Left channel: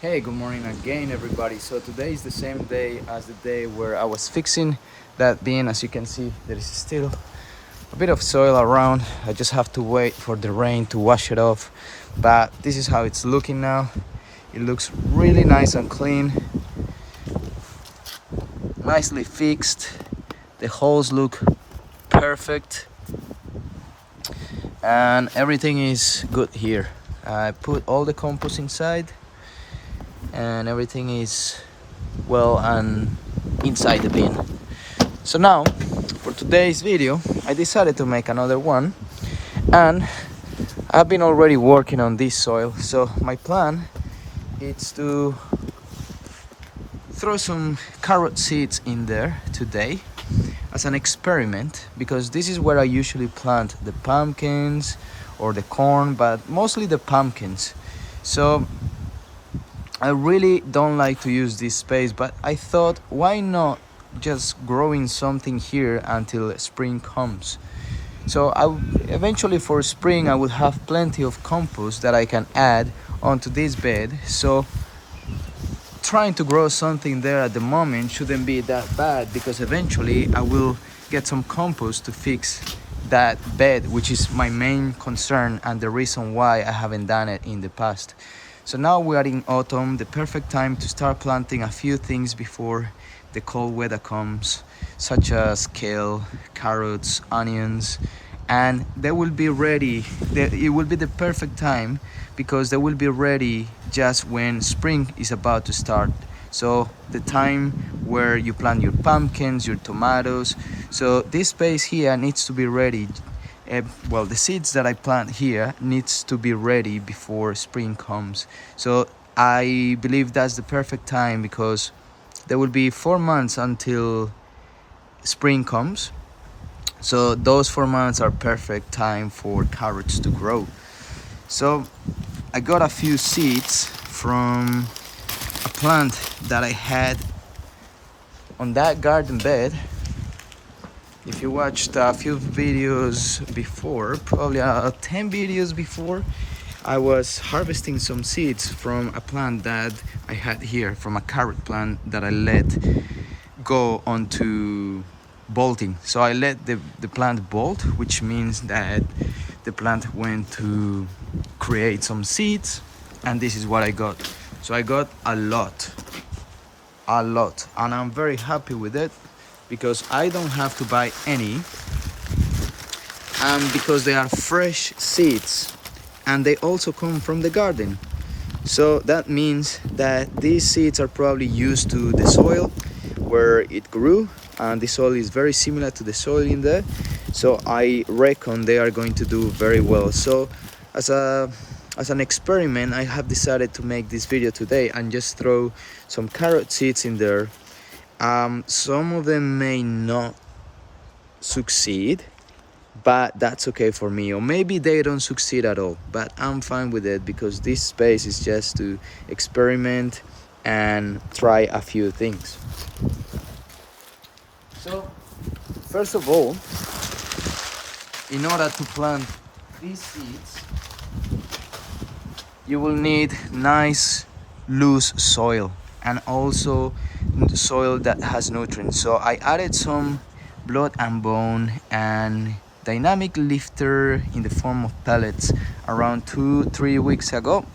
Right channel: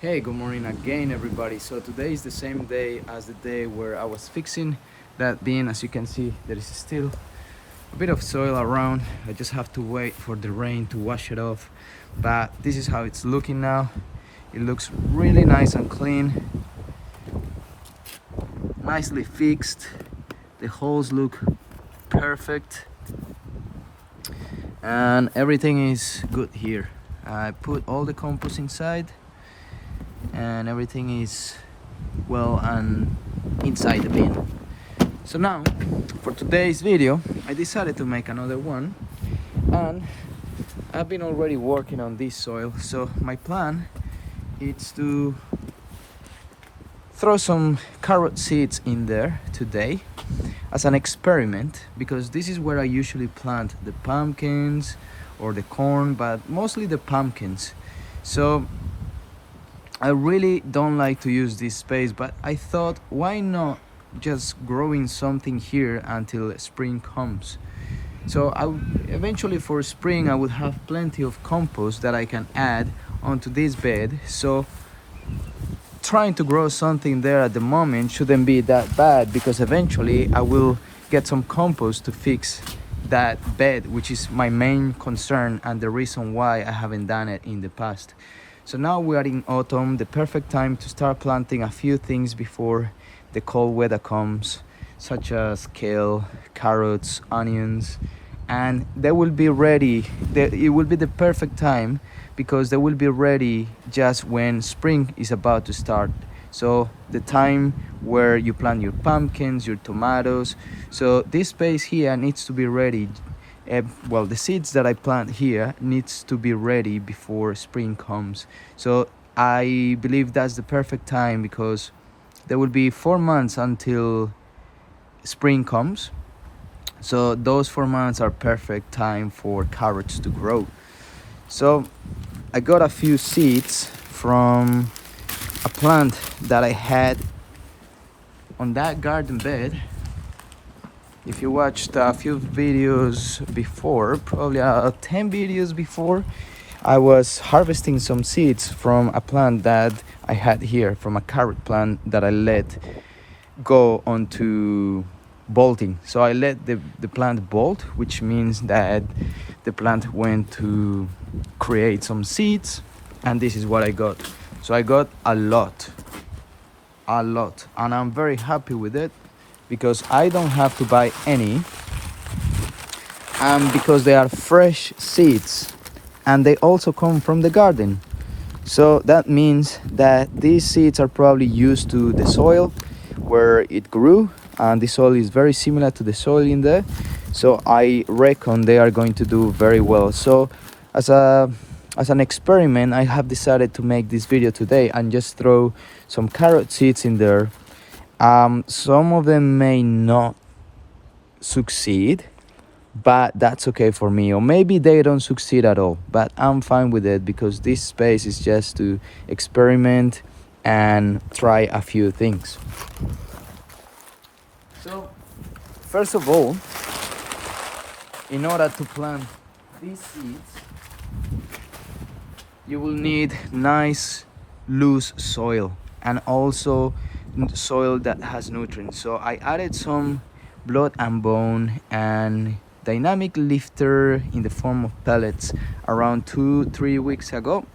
Hey, good morning again, everybody. So today is the same day as the day where I was fixing that bin. As you can see, there is still a bit of soil around. I just have to wait for the rain to wash it off. But this is how it's looking now. It looks really nice and clean, nicely fixed. The holes look perfect and everything is good here. I put all the compost inside and everything is well and inside the bin. So now for today's video I decided to make another one, and I've been already working on this soil. So my plan is to throw some carrot seeds in there today as an experiment, because this is where I usually plant the pumpkins or the corn, but mostly the pumpkins. So I really don't like to use this space, but I thought, why not just growing something here until spring comes. So eventually for spring I would have plenty of compost that I can add onto this bed. So trying to grow something there at the moment shouldn't be that bad, because eventually I will get some compost to fix that bed, which is my main concern and the reason why I haven't done it in the past. So now we are in autumn, the perfect time to start planting a few things before the cold weather comes, such as kale, carrots, onions, and they will be ready. It will be the perfect time because they will be ready just when spring is about to start. So the time where you plant your pumpkins, your tomatoes. So this space here needs to be ready. Well, the seeds that I plant here needs to be ready before spring comes. So I believe that's the perfect time, because there will be 4 months until spring comes. So those 4 months are perfect time for carrots to grow. So I got a few seeds from a plant that I had on that garden bed. If you watched a few videos before, probably 10 videos before, I was harvesting some seeds from a plant that I had here, from a carrot plant that I let go onto bolting. So I let the plant bolt, which means that the plant went to create some seeds, and this is what I got. So I got a lot, and I'm very happy with it, because I don't have to buy any, and because they are fresh seeds and they also come from the garden. So that means that these seeds are probably used to the soil where it grew, and the soil is very similar to the soil in there. So I reckon they are going to do very well. So as an experiment, I have decided to make this video today and just throw some carrot seeds in there. Some of them may not succeed, but that's okay for me, or maybe they don't succeed at all, but I'm fine with it, because this space is just to experiment and try a few things. So first of all, in order to plant these seeds, you will need nice loose soil, and also soil that has nutrients. So I added some blood and bone and dynamic lifter in the form of pellets around 2-3 weeks ago,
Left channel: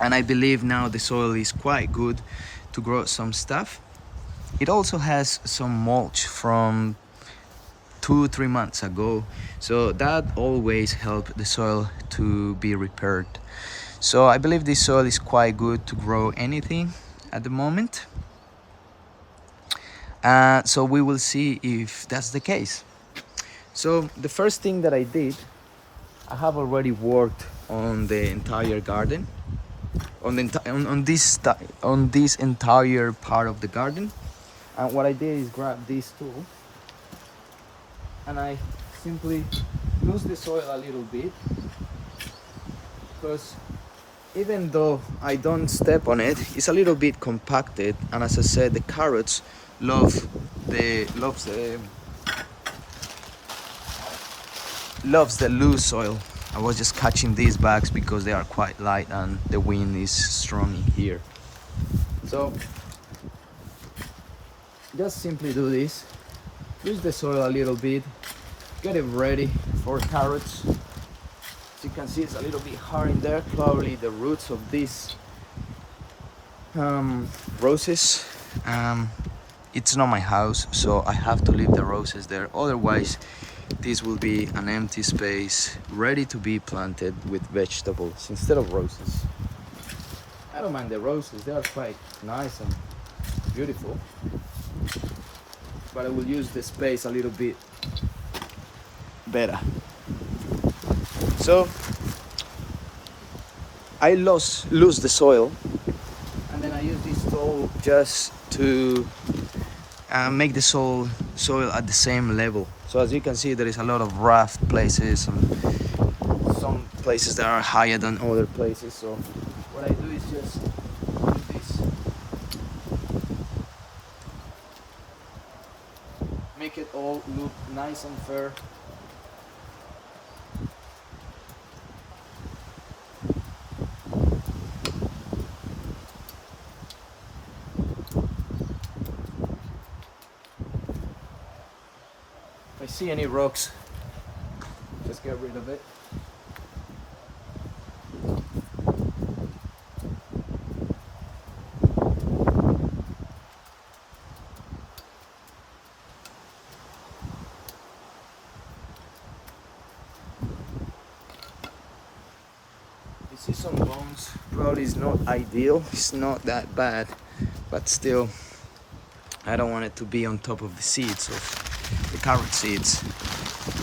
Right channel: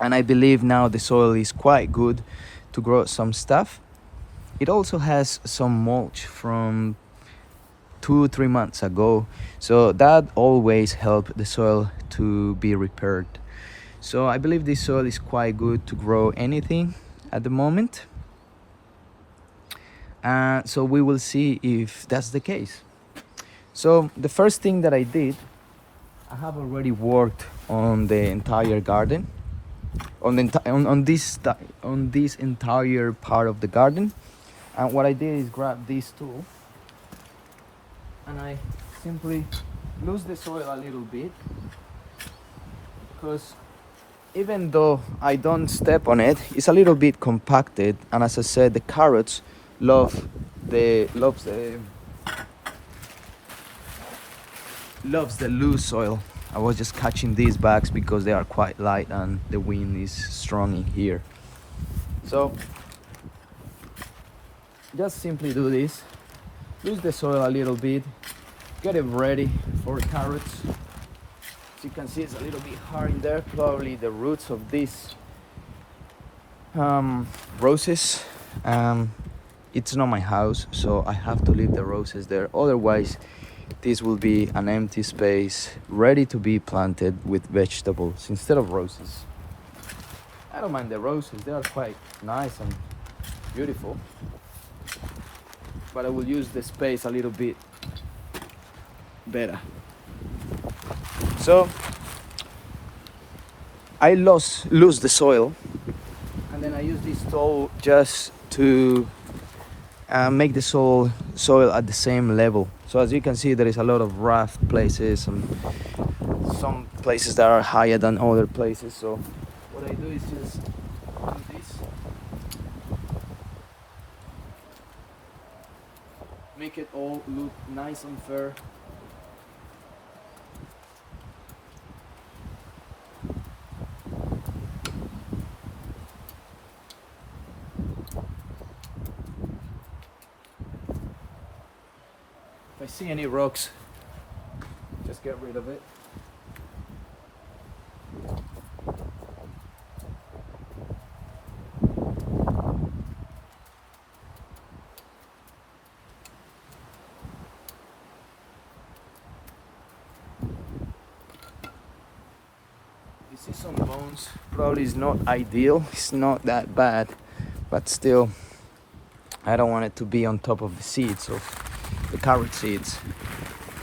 and I believe now the soil is quite good to grow some stuff. It also has some mulch from 2-3 months ago, so that always helps the soil to be repaired. So I believe this soil is quite good to grow anything at the moment. So we will see if that's the case. So the first thing that I did, I have already worked on the entire garden, on this entire part of the garden. And what I did is grab this tool and I simply lose the soil a little bit, because even though I don't step on it, it's a little bit compacted. And as I said, the carrots loves the loose soil. I was just catching these bags because they are quite light and the wind is strong in here. So just simply do this. Use the soil a little bit. Get it ready for carrots. As you can see, it's a little bit hard in there. Probably the roots of these roses. It's not my house, so I have to leave the roses there. Otherwise, this will be an empty space ready to be planted with vegetables instead of roses. I don't mind the roses, they are quite nice and beautiful, but I will use the space a little bit better. So I lose the soil, and then I use this tool just to make the soil at the same level. So as you can see, there is a lot of rough places and some places that are higher than other places. So what I do is just do this, make it all look nice and fair. If I see any rocks, just get rid of it. You see some bones, probably is not ideal, it's not that bad, but still I don't want it to be on top of the seeds, of the carrot seeds.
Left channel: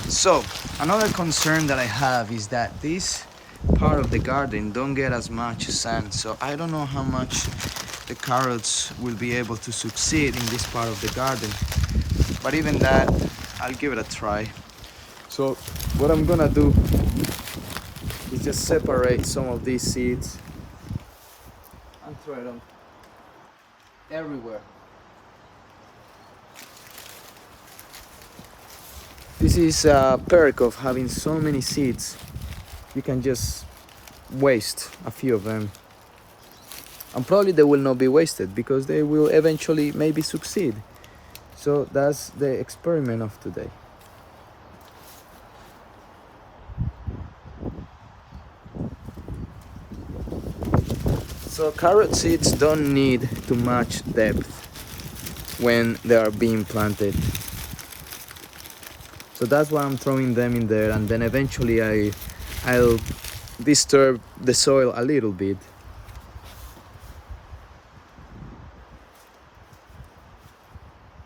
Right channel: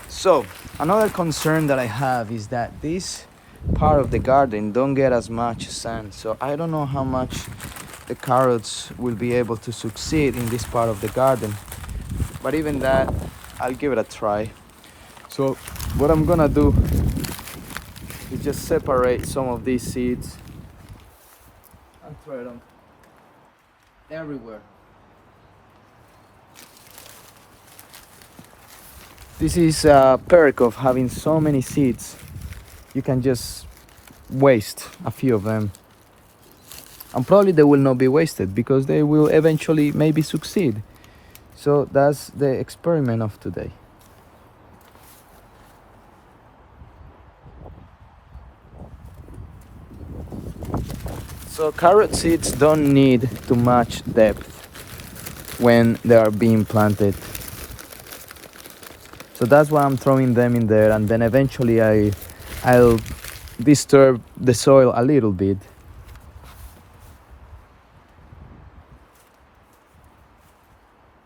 So another concern that I have is that this part of the garden don't get as much sun, so I don't know how much the carrots will be able to succeed in this part of the garden, but even that, I'll give it a try. So what I'm gonna do is just separate some of these seeds and throw them everywhere. This is a perk of having so many seeds. You can just waste a few of them, and probably they will not be wasted because they will eventually maybe succeed. So that's the experiment of today. So carrot seeds don't need too much depth when they are being planted. So that's why I'm throwing them in there, and then eventually I'll disturb the soil a little bit.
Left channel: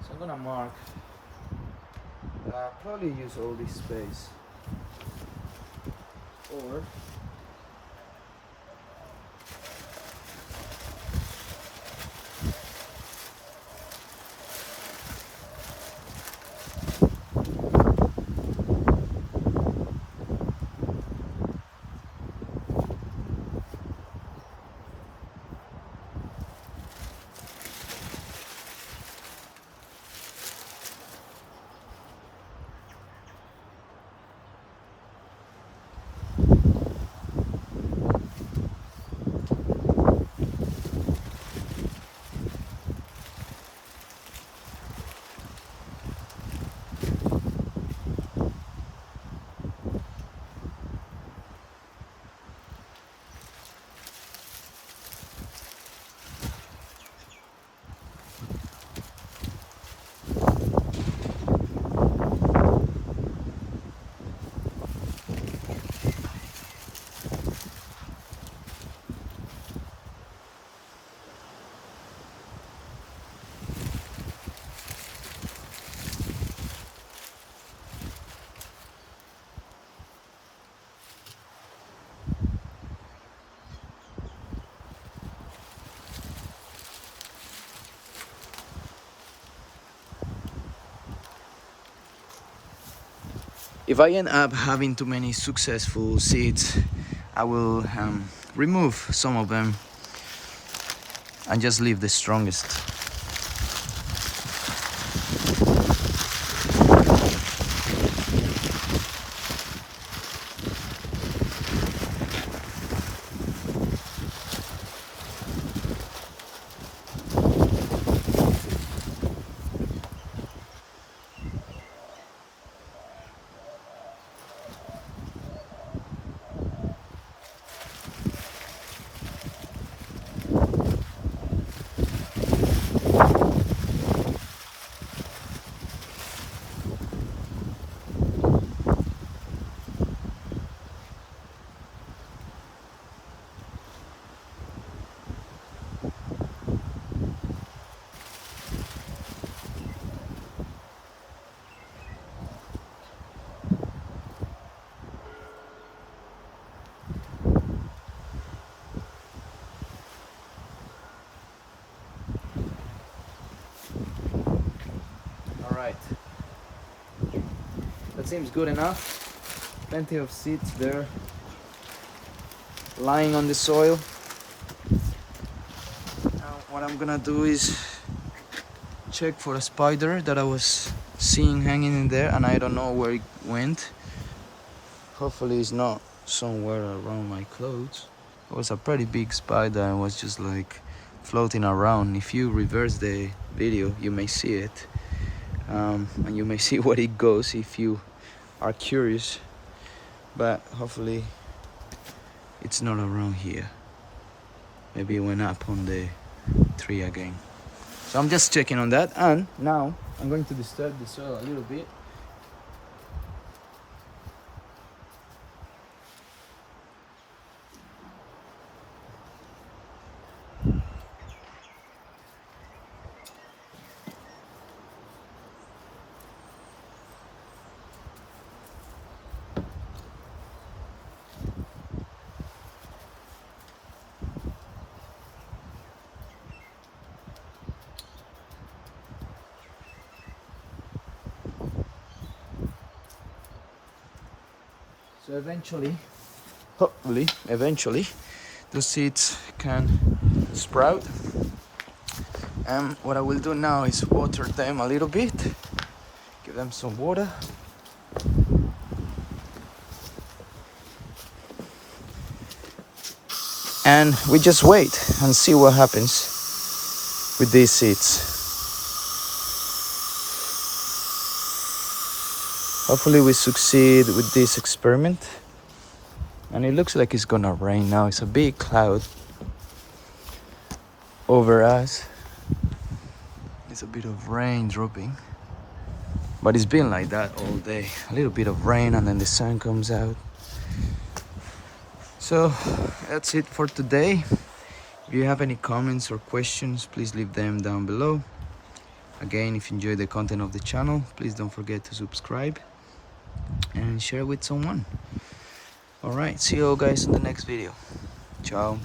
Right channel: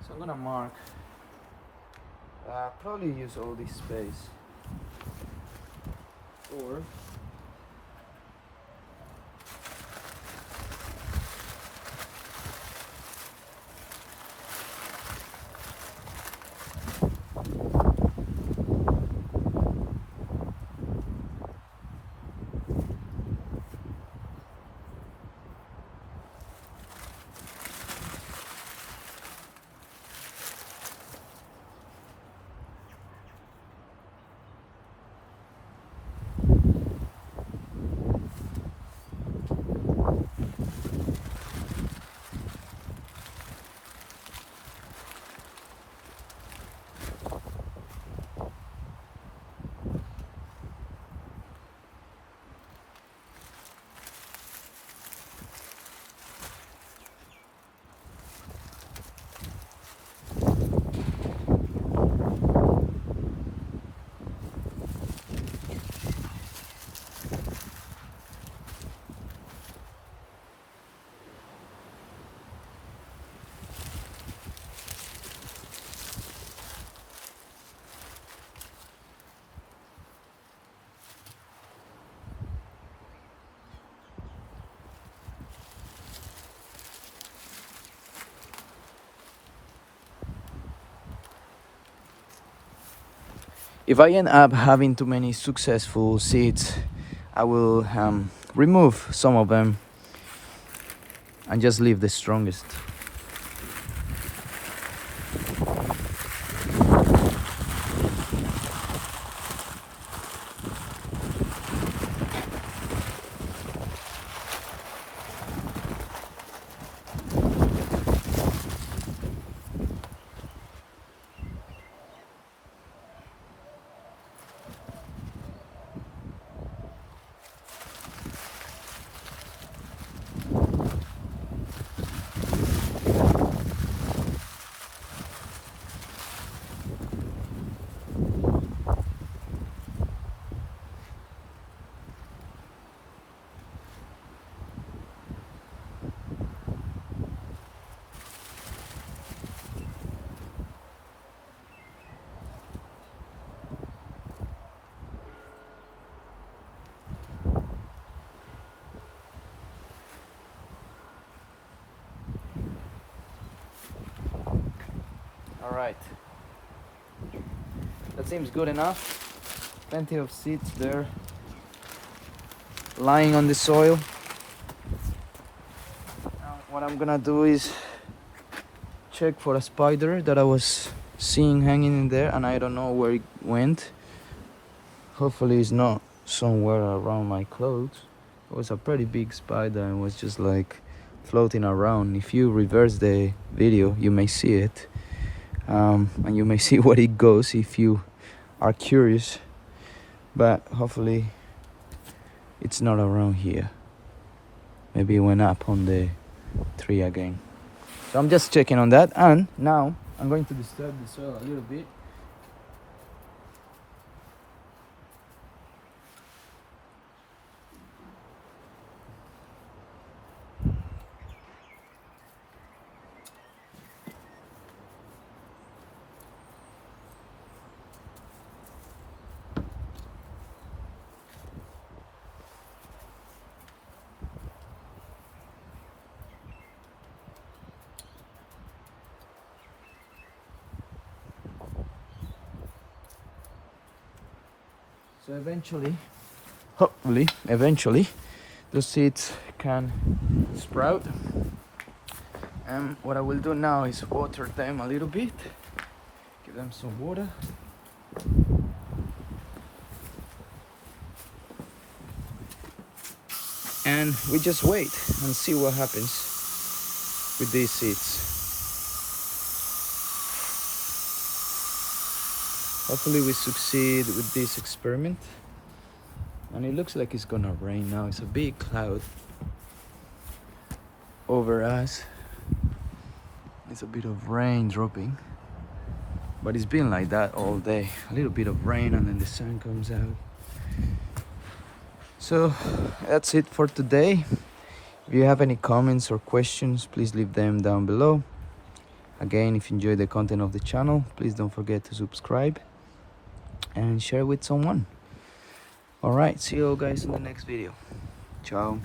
So I'm gonna mark, probably use all this space, or if I end up having too many successful seeds, I will remove some of them and just leave the strongest. All right, that seems good enough. Plenty of seeds there lying on the soil. Now what I'm gonna do is check for a spider that I was seeing hanging in there, and I don't know where it went. Hopefully it's not somewhere around my clothes. It was a pretty big spider and was just like floating around. If you reverse the video, you may see it, and you may see where it goes if you are curious, but hopefully it's not around here. Maybe it went up on the tree again. So I'm just checking on that, and now I'm going to disturb the soil a little bit. So eventually, those seeds can sprout. And what I will do now is water them a little bit, give them some water. And we just wait and see what happens with these seeds. Hopefully we succeed with this experiment. And it looks like it's gonna rain now. It's a big cloud over us. It's a bit of rain dropping. But it's been like that all day. A little bit of rain and then the sun comes out. So that's it for today. If you have any comments or questions, please leave them down below. Again, if you enjoy the content of the channel, please don't forget to subscribe and share with someone. All right, see you all guys in the next video. Ciao.